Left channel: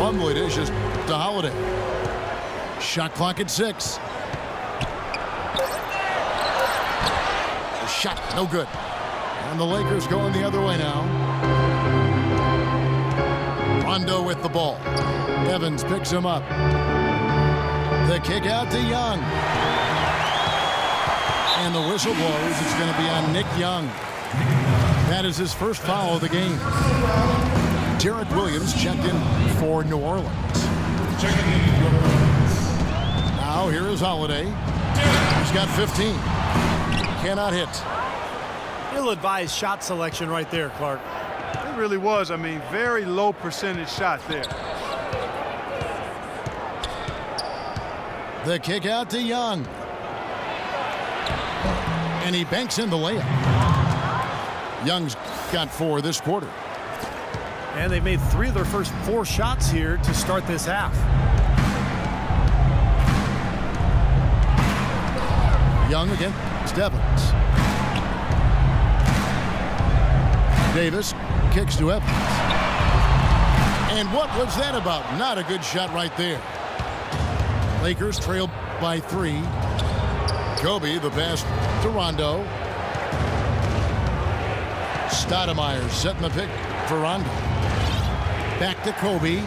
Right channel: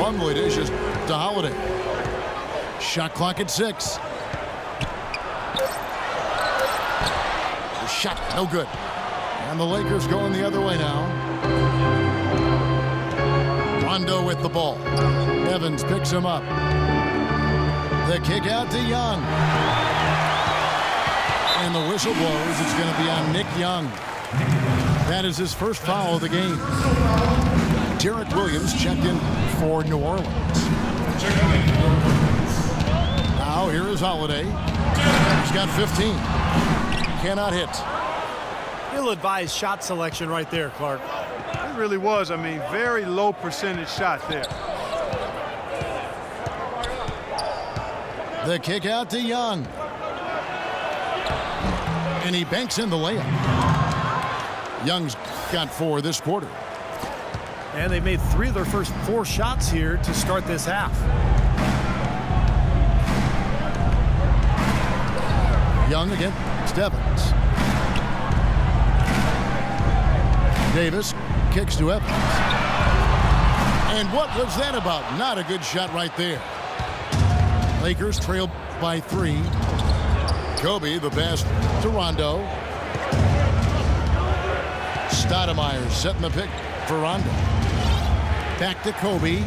Plumlee dishes to Holiday. Shot clock at 6. The shot, no good. And the Lakers going the other way now. Rondo with the ball. Evans picks him up. The kick out to Young. And the whistle blows. It's going to be on Nick Young. That is his first foul of the game. Derek Williams checked in for New Orleans. Now here is Holiday. He's got 15. Cannot hit. Ill-advised shot selection right there, Clark. It really was. I mean, very low percentage shot there. The kick out to Young. And he banks in the layup. Young's got 4 this quarter. And they've made 3 of their first 4 shots here to start this half. Young against Evans. Davis kicks to Evans. And what was that about? Not a good shot right there. Lakers trail by 3. Kobe, the pass to Rondo. Stoudemire setting the pick for Rondo. Back to Kobe.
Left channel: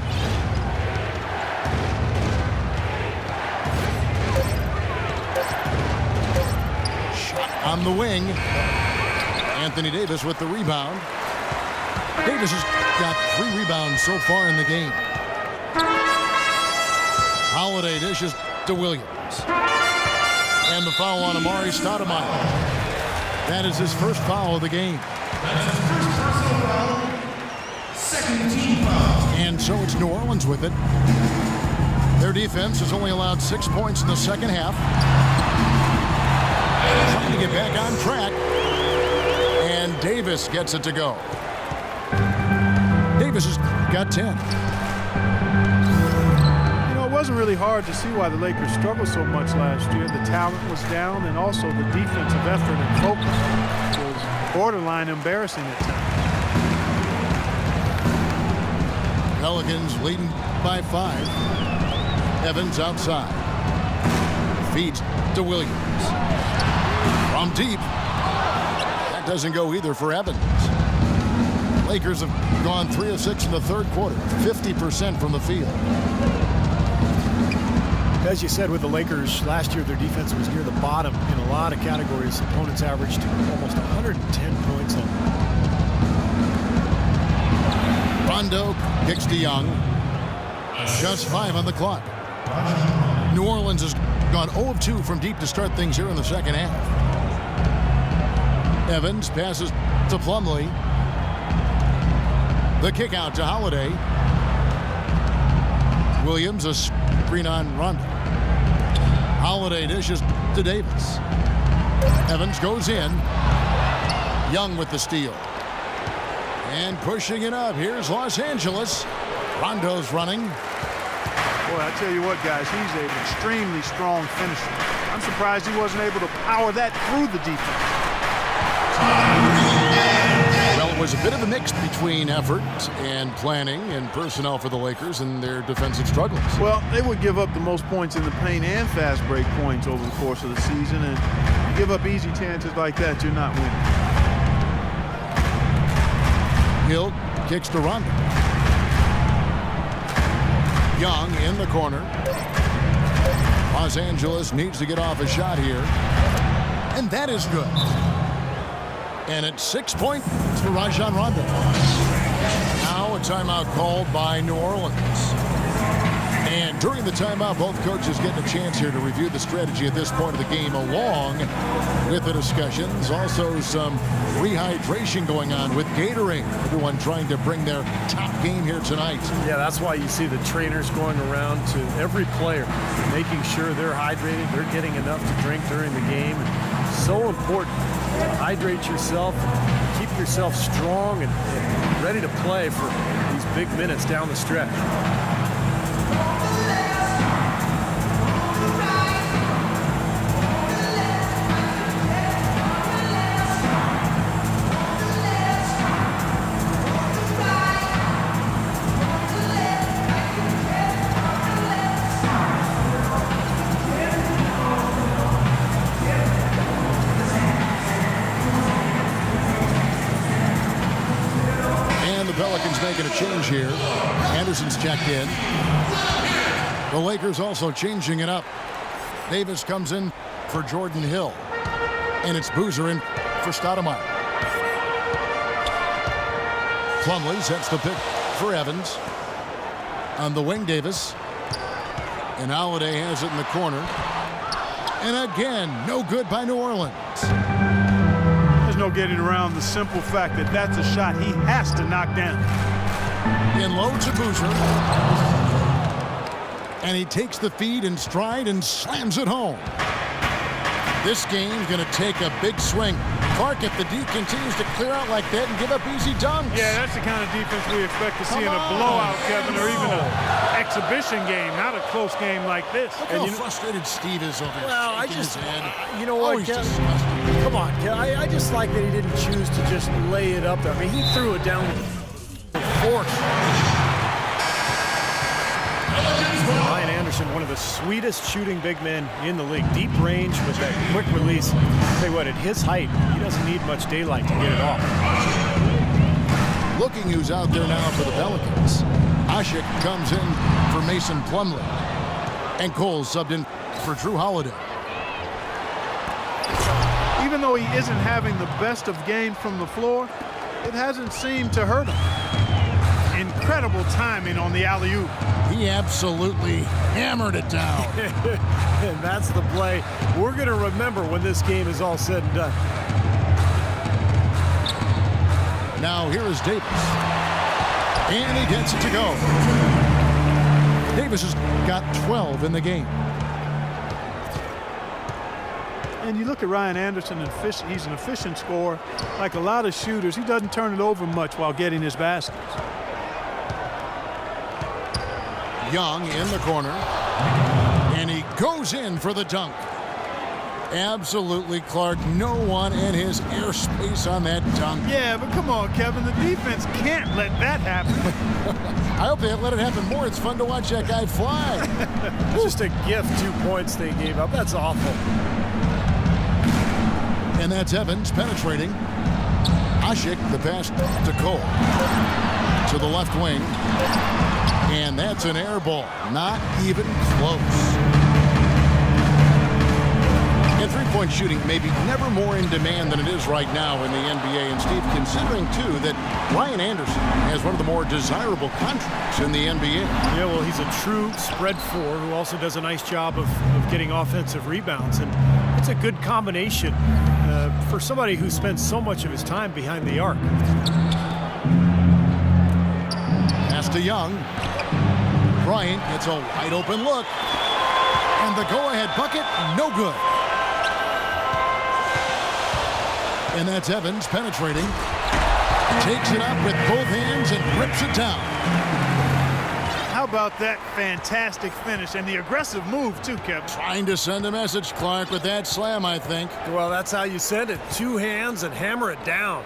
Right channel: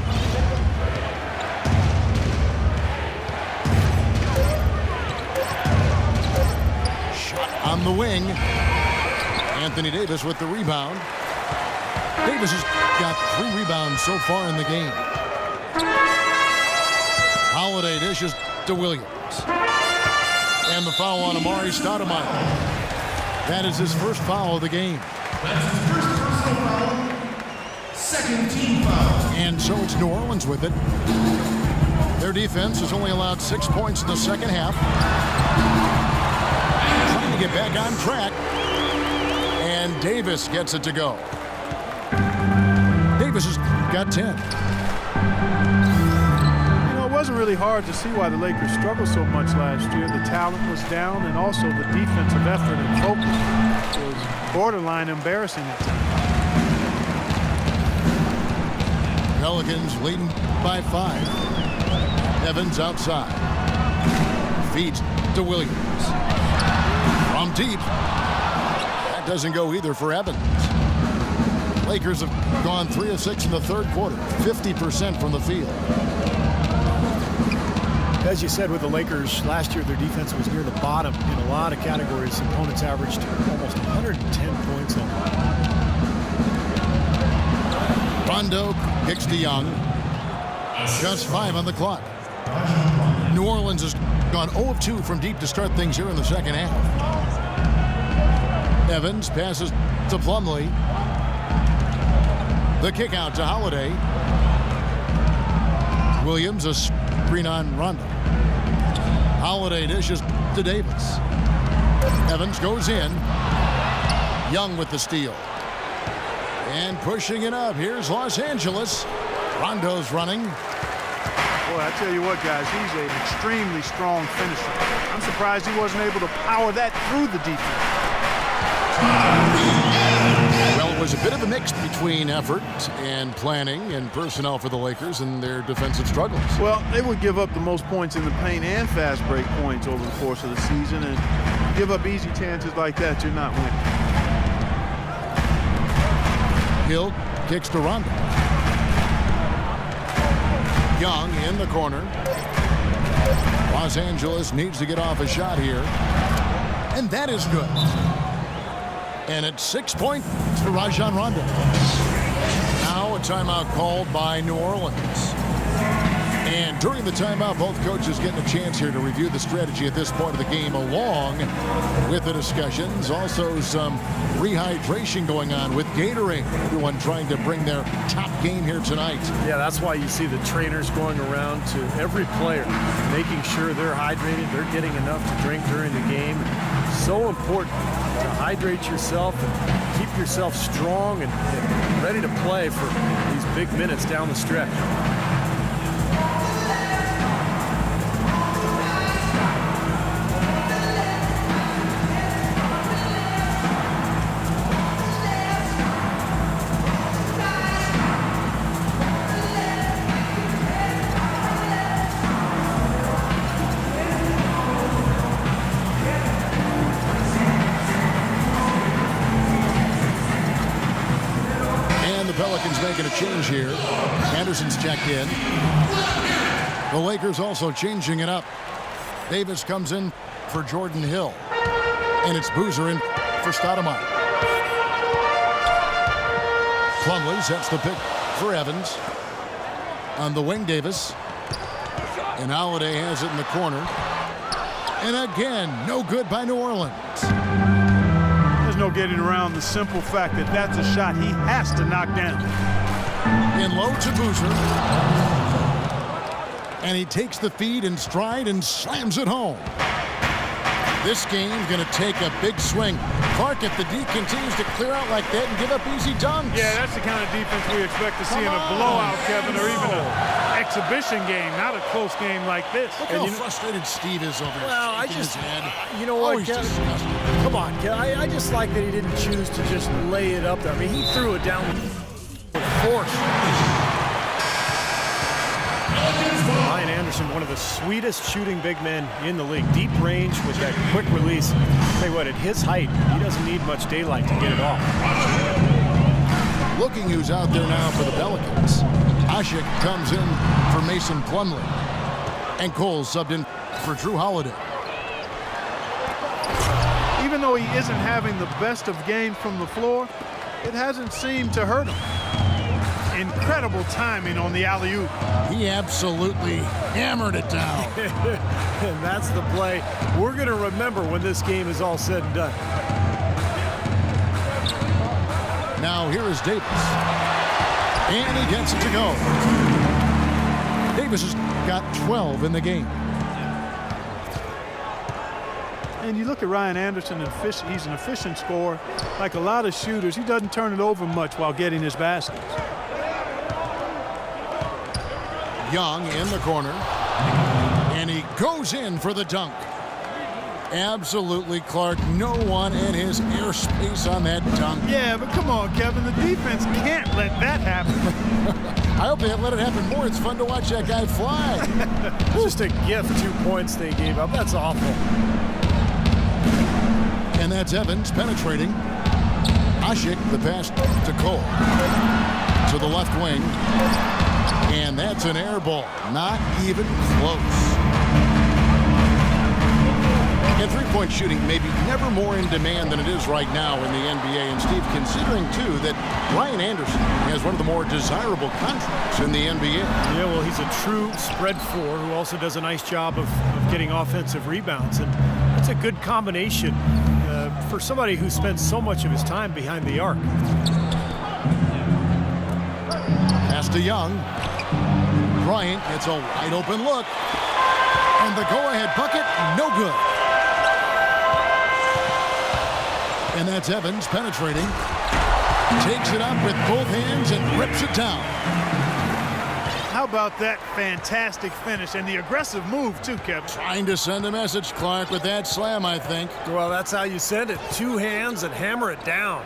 Shot on the wing. Anthony Davis with the rebound. Davis has got 3 rebounds so far in the game. Holiday dishes to Williams. And the foul on Amari Stoudemire. That is his first foul of the game. That's his first personal foul. Second team foul. And so it's New Orleans with it. Their defense has only allowed 6 points in the second half. Trying to get back on track. And Davis gets it to go. Davis has got 10. You know, it wasn't really hard to see why the Lakers struggled so much last year. The talent was down, and also the defensive effort and focus was borderline embarrassing at times. Pelicans leading by 5. Evans outside. Feeds to Williams. From deep. That doesn't go either for Evans. Lakers have gone 3 of 6 in the third quarter. 50% from the field. As you said with the Lakers, last year their defense was near the bottom in a lot of categories. Opponents averaged almost 110 points on them. Rondo kicks to Young. Just 5 on the clock. New Orleans has gone 0 of 2 from deep to start things here in the second half. Evans passes to Plumlee. The kick out to Holiday. Williams a screen on Rondo. Holiday dishes to Davis. Evans goes in. Young with the steal. And pushing it up. Here's Los Angeles. Rondo's running. Boy, I tell you what, guys, he's an extremely strong finisher. I'm surprised he wasn't able to power that through the defense. Well, it was a bit of a mix between effort and planning and personnel for the Lakers and their defensive struggles. Well, they would give up the most points in the paint and fast break points over the course of the season, and you give up easy chances like that, you're not winning. Hill kicks to Rondo. Young in the corner. Los Angeles needs to get off a shot here. And that is good. And it's 6 points for Rajon Rondo. Now a timeout called by New Orleans. And during the timeout, both coaches getting a chance here to review the strategy at this point of the game, along with the discussions. Also some rehydration going on with Gatorade. Everyone trying to bring their top game here tonight. Yeah, that's why you see the trainers going around to every player, making sure they're hydrated, they're getting enough to drink during the game. And so important to hydrate yourself and keep yourself strong and ready to play for these big minutes down the stretch. making a change here. Anderson's checked in. The Lakers also changing it up. Davis comes in for Jordan Hill. And it's Boozer in for Stoudemire. Plumlee sets the pick for Evans. On the wing, Davis. And Holiday has it in the corner. And again, no good by New Orleans. There's no getting around the simple fact that that's a shot he has to knock down. In low to Boozer. And he takes the feed in stride and slams it home. This game's going to take a big swing. Clark, if the D continues to clear out like that and give up easy dunks. Yeah, that's the kind of defense we expect to see in a Come on. blowout, Kevin, or even an exhibition game, not a close game like this. Look how frustrated Steve is over here. Well, shaking his head. you know what, he's Kevin? disgusted. Come on, Kevin. I just like that he didn't choose to just lay it up there. I mean, he threw it down with force. Ryan Anderson, one of the sweetest shooting big men in the league. Deep range with that quick release. Tell you what, at his height, he doesn't need much daylight to get it off. Looking who's out there now for the Pelicans. Ashik comes in for Mason Plumlee. And Cole subbed in for Drew Holiday. Even though he isn't having the best of games from the floor, it hasn't seemed to hurt him. Incredible timing on the alley-oop. He absolutely hammered it down. And that's the play we're going to remember when this game is all said and done. Now here is Davis. And he gets it to go. Davis has got 12 in the game. And you look at Ryan Anderson, he's an efficient scorer. Like a lot of shooters, he doesn't turn it over much while getting his baskets. Young in the corner. And he goes in for the dunk. Absolutely, Clark. No one in his airspace on that dunk. Yeah, but come on, Kevin. The defense can't let that happen. I hope they let it happen more. It's fun to watch that guy fly. Just a gift, 2 points they gave up. That's awful. And that's Evans penetrating. Ashik, the pass to Cole. To the left wing. And that's an air ball. Not even close. And three-point shooting may be never more in demand than it is right now in the NBA. And Steve, considering, too, that Ryan Anderson has one of the more desirable contracts in the NBA. Yeah, well, he's a true spread four who also does a nice job of getting offensive rebounds. And it's a good combination for somebody who spends so much of his time behind the arc. Pass to Young. Bryant gets a wide open look. And the go-ahead bucket, no good. And that's Evans penetrating. Takes it up with both hands and rips it down. How about that fantastic finish and the aggressive move, too, Kevin? Trying to send a message, Clark, with that slam, I think. Well, that's how you send it. 2 hands and hammer it down.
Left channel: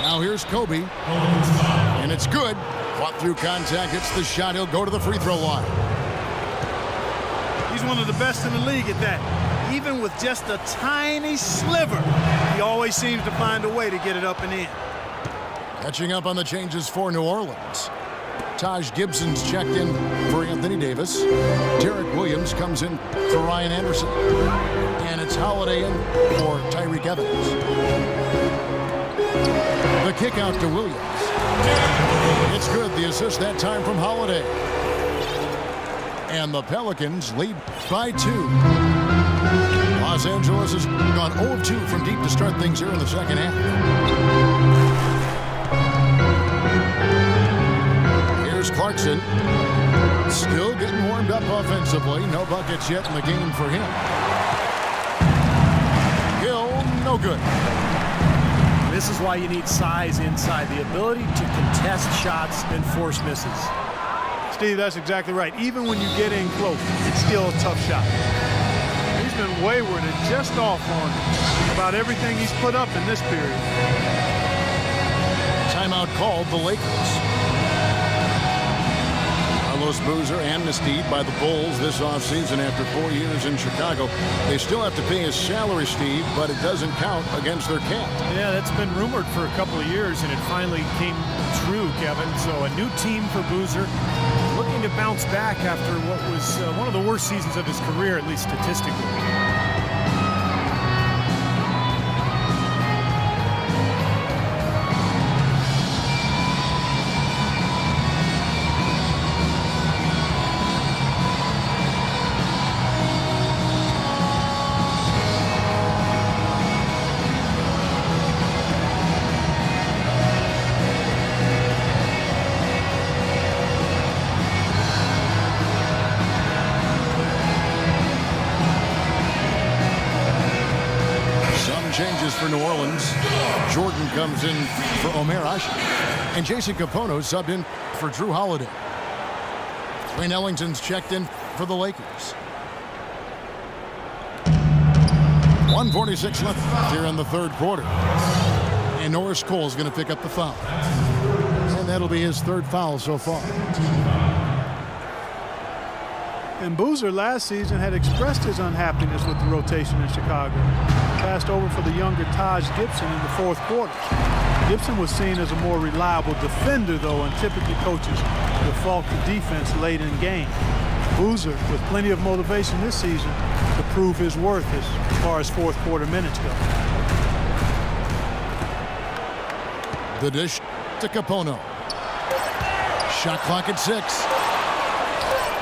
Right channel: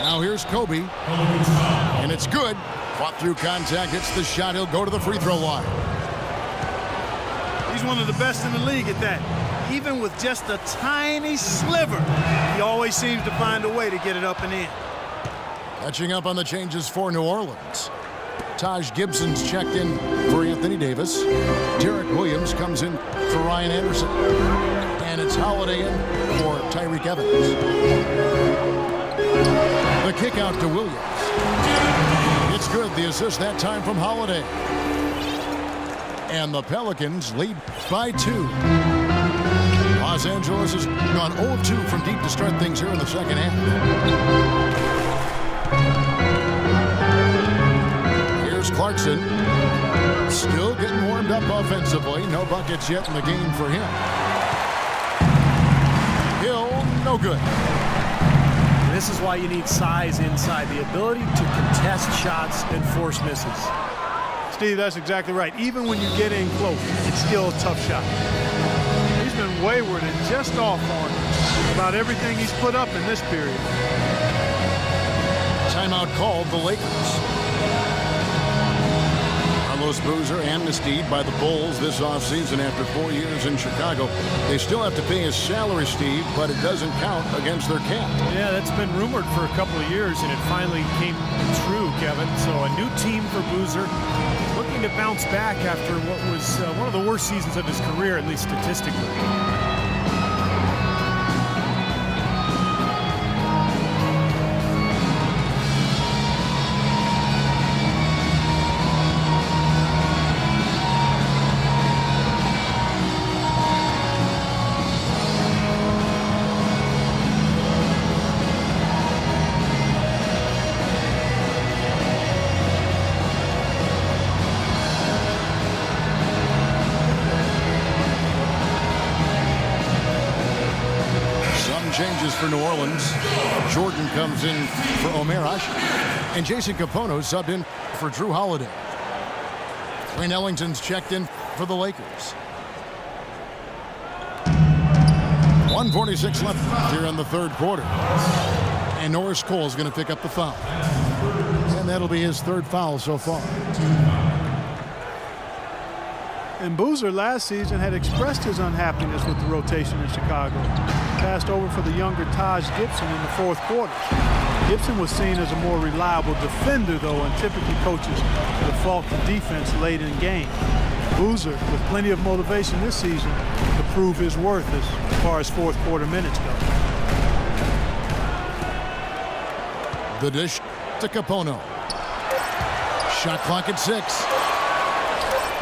Now here's Kobe. And it's good. Fought through contact, hits the shot. He'll go to the free throw line. He's one of the best in the league at that. Even with just a tiny sliver, he always seems to find a way to get it up and in. Catching up on the changes for New Orleans. Taj Gibson's checked in for Anthony Davis. Derek Williams comes in for Ryan Anderson. And it's Holiday in for Tyreke Evans. The kick out to Williams. It's good. The assist that time from Holiday. And the Pelicans lead by 2. Los Angeles has gone 0 of 2 from deep to start things here in the second half. Here's Clarkson. Still getting warmed up offensively. No buckets yet in the game for him. Hill, no good. This is why you need size inside, the ability to contest shots and force misses. Steve, that's exactly right. Even when you get in close, it's still a tough shot. He's been wayward and just off on about everything he's put up in this period. Timeout called the Lakers. A Carlos Boozer amnestied by the Bulls this offseason after 4 years in Chicago. They still have to pay his salary, Steve, but it doesn't count against their cap. Yeah, that's been rumored for a couple of years, and it finally came true, Kevin. So a new team for Boozer, looking to bounce back after what was one of the worst seasons of his career, at least statistically. Changes for New Orleans. Jordan comes in for Omer Ashe. And Jason Kapono subbed in for Drew Holiday. Wayne Ellington's checked in for the Lakers. 1:46 left here in the third quarter. And Norris Cole is going to pick up the foul. And that'll be his third foul so far. And Boozer last season had expressed his unhappiness with the rotation in Chicago. Passed over for the younger Taj Gibson in the fourth quarter. Gibson was seen as a more reliable defender, though, and typically coaches default to defense late in game. Boozer with plenty of motivation this season to prove his worth as far as fourth quarter minutes go. The dish to Kapono. Shot clock at 6.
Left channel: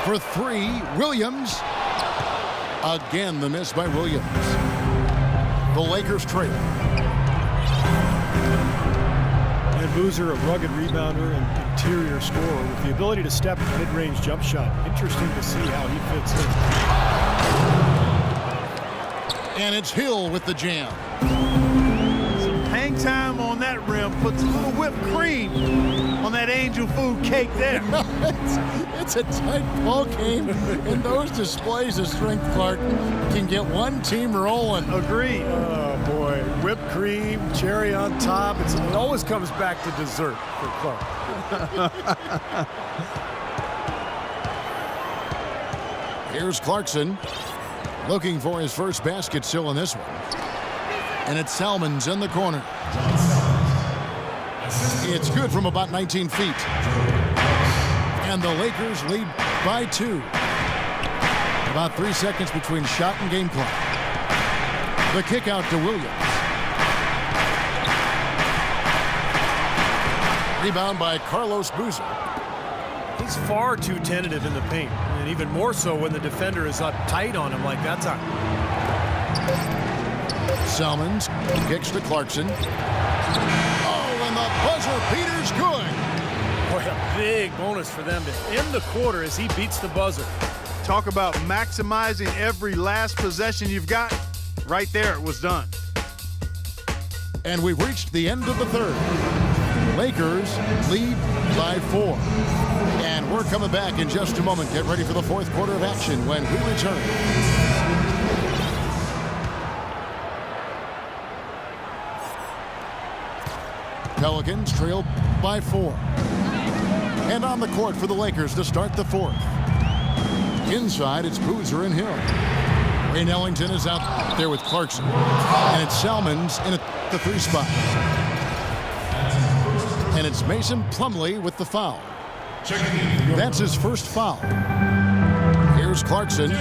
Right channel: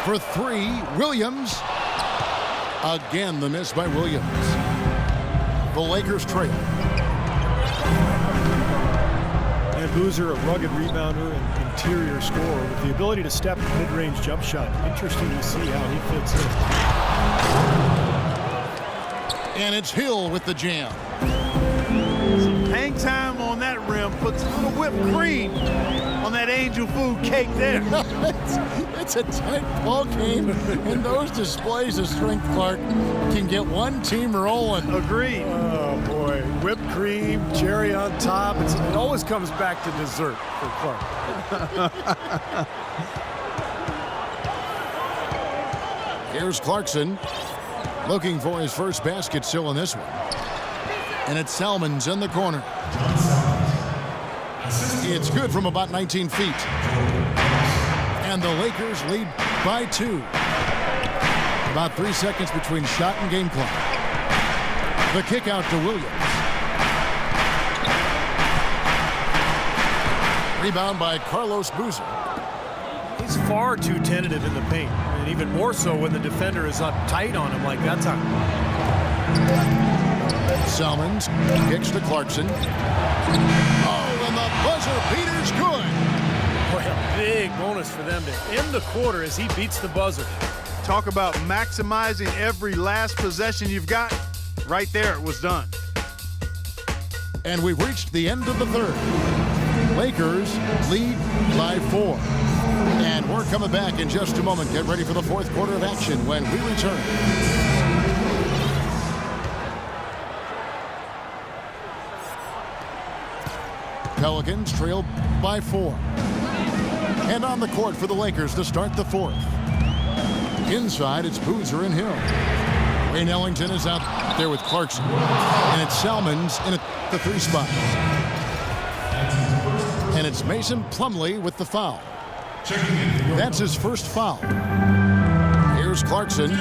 For 3, Williams. Again, the miss by Williams. The Lakers trail. And Boozer, a rugged rebounder and interior scorer with the ability to step mid-range jump shot. Interesting to see how he fits in. And it's Hill with the jam. Some hang time on that rim puts a little whipped cream on that angel food cake there. It's a tight ball game, and those displays of strength, Clark, can get one team rolling. Agreed. Oh, boy. Whipped cream, cherry on top. It always comes back to dessert for Clark. Here's Clarkson looking for his first basket still in this one. And it's Salmons in the corner. It's good from about 19 feet. And the Lakers lead by 2. About 3 seconds between shot and game clock. The kick out to Williams. Rebound by Carlos Boozer. He's far too tentative in the paint, and even more so when the defender is up tight on him like that time. Salmons kicks to Clarkson. Oh, and the buzzer beater's good. Boy, a big bonus for them to end the quarter as he beats the buzzer. Talk about maximizing every last possession you've got. Right there, it was done. And we've reached the end of the third. Lakers lead by 4. And we're coming back in just a moment. Get ready for the fourth quarter of action when we return. Pelicans trail by 4. And on the court for the Lakers to start the fourth. Inside, it's Boozer and Hill. Wayne Ellington is out there with Clarkson. And it's Salmons in at the 3 spot. And it's Mason Plumlee with the foul. That's his first foul. Here's Clarkson.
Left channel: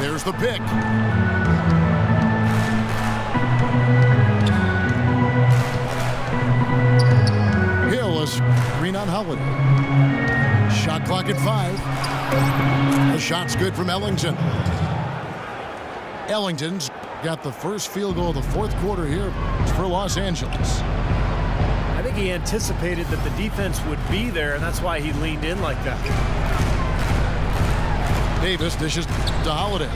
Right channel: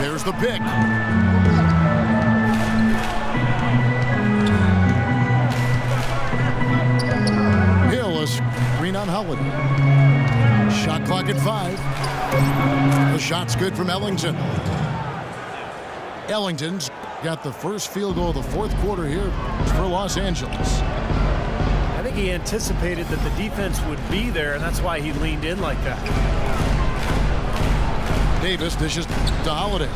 There's the pick. Hill, a screen on Holiday. Shot clock at 5. The shot's good from Ellington. Ellington's got the first field goal of the fourth quarter here for Los Angeles. I think he anticipated that the defense would be there, and that's why he leaned in like that. Davis dishes to Holiday.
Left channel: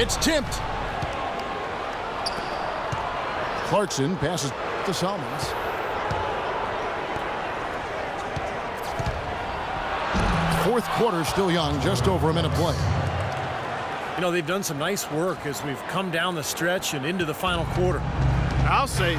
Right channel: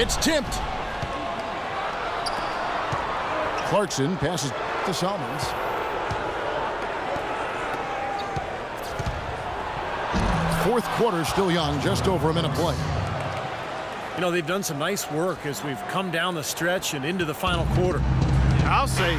It's tipped. Clarkson passes to Salmons. Fourth quarter still young, just over a minute play. You know, they've done some nice work as we've come down the stretch and into the final quarter. I'll say